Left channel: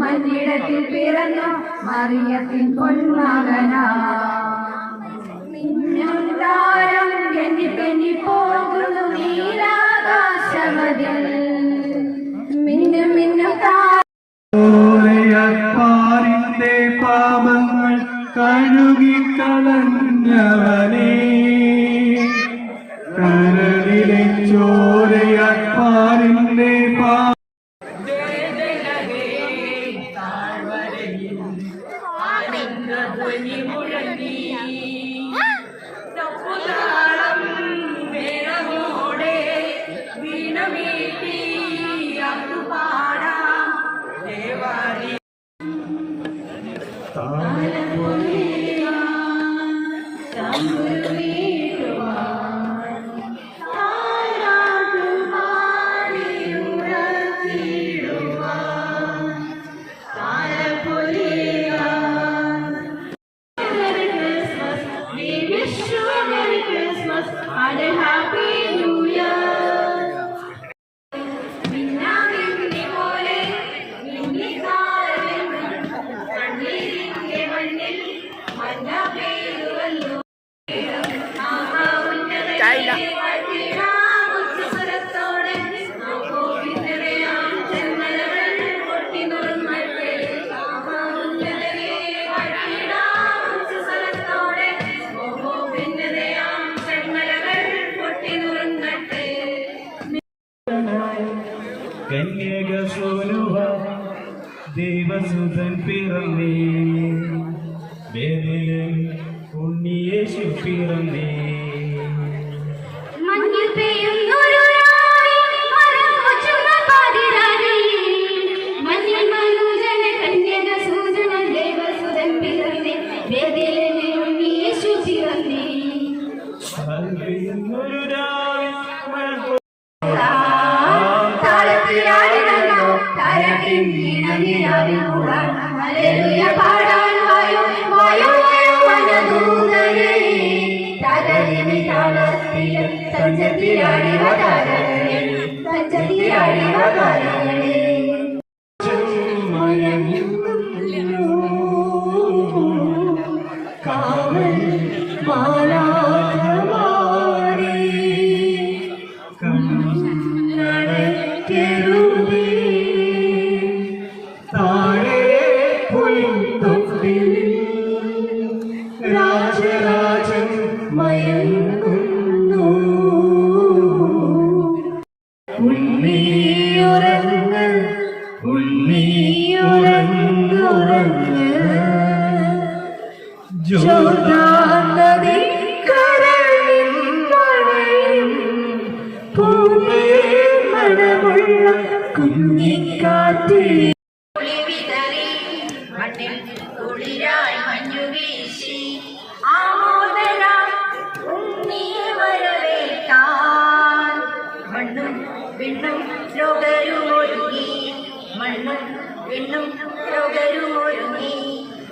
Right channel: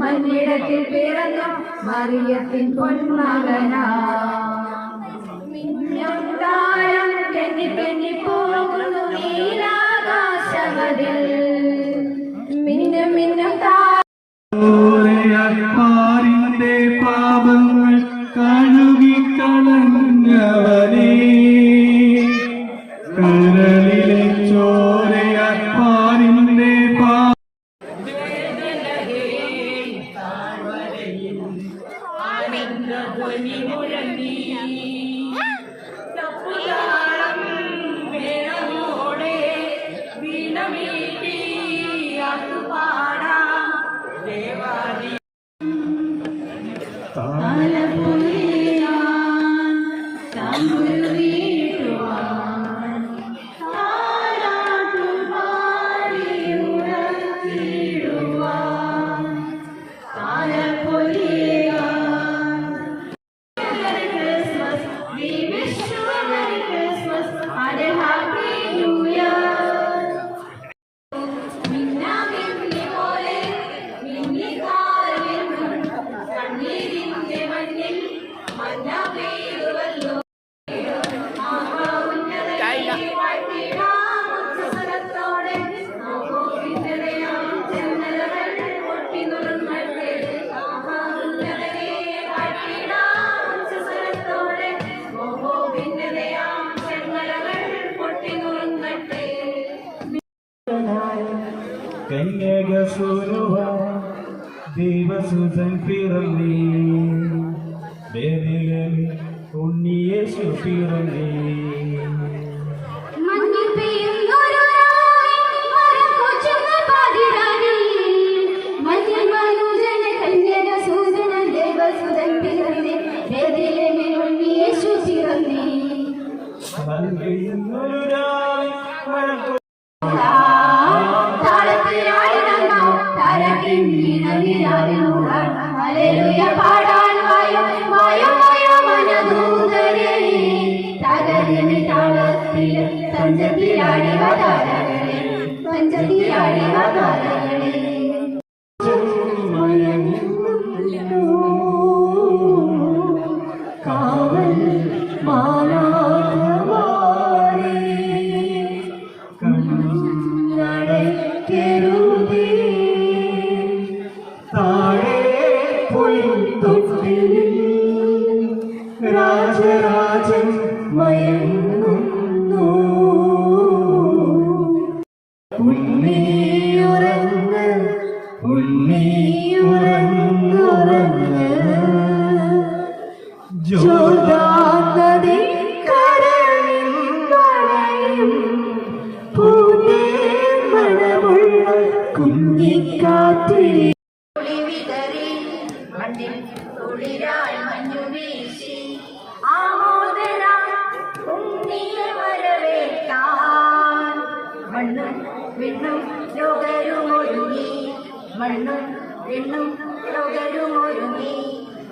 മഞ്ഞിടത്തിൽ പിറന്നു മറിയത്തിൻ പൊന്മകനാ മിന്നും താരം തെന്നി തെന്നി പോകുന്നു നീലാകാശമതിൽ മിന്നും മിന്നും താരിന്റെ പാപങ്ങൾ കഴുകിക്കളഞ്ഞവനേ കരളിലെ ചോരയാരിന്റെ ആനന്ദധ്വനി മുഴങ്ങി തപ്പുതാളം വേണമോടെ വീണമീട്ടി പാടാം ദേവാലയ ദേവസുതൻ പിറന്നേ ബേബിലൻ ഉണ്ണിയേശു പിറന്നേ രാജരാജൻ മയങ്ങുന്നു ഉണ്ണിയുറങ്ങ് ഉണ്ണിയുറങ്ങുറങ്ങ് ജോർദാൻ നദിക്കരയിൽ നനയും പൂവേ മണമുള്ള കുഞ്ഞിക്കാറ്റ് മണ്ണിൽ കുളിരായി മഞ്ഞു വീശി ആമോദനം ഉണ്ണിയെ വരവേറ്റാൻ മണ്ണും വിണ്ണും രോഗരുമൊരുങ്ങി മണ്ണും വിണ്ണും രോഗരും